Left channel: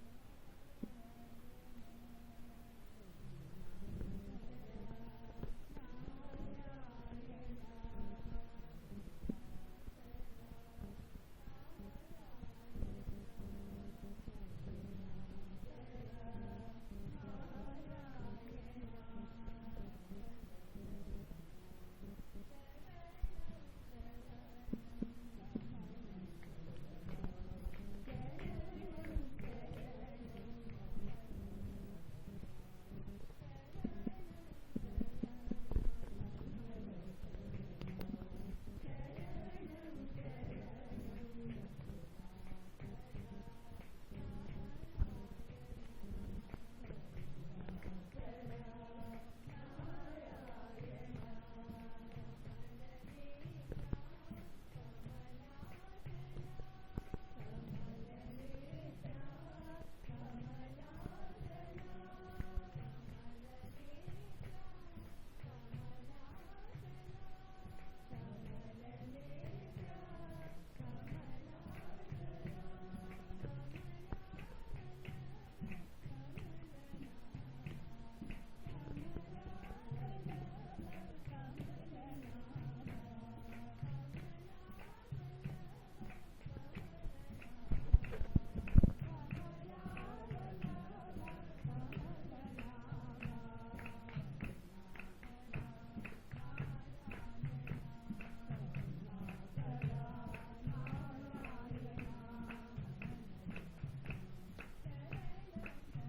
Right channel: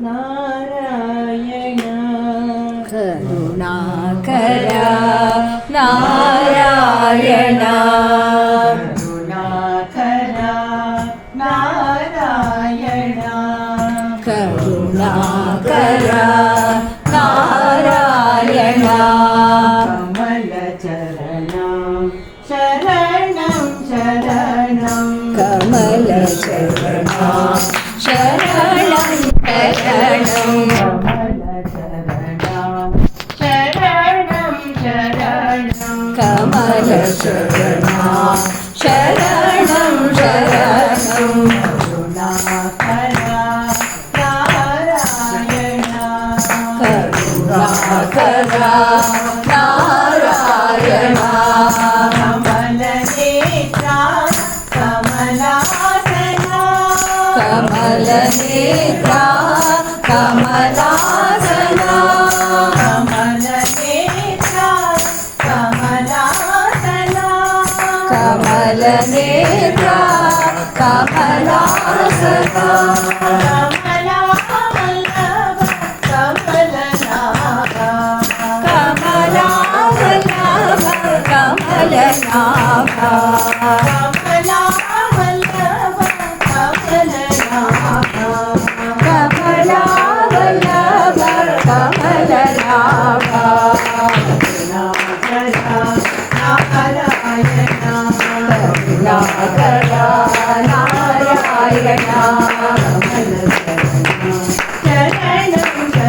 നാരായണ. കരുണാകര നാരായണ. കരുണാകര നാരായണ. കരുണാകര നാരായണ. കമലചരണം ശരണം ശരണം. കമലചരണ ശരണം. ശരണം कमलशरणा शरणं शरणं करुणाकरा नारायणा करुणाकरा नारायणा कमलनेत्रा कमलासना कमलनेत्रा कमला Ah uh -huh.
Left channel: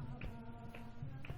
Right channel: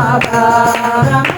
Baba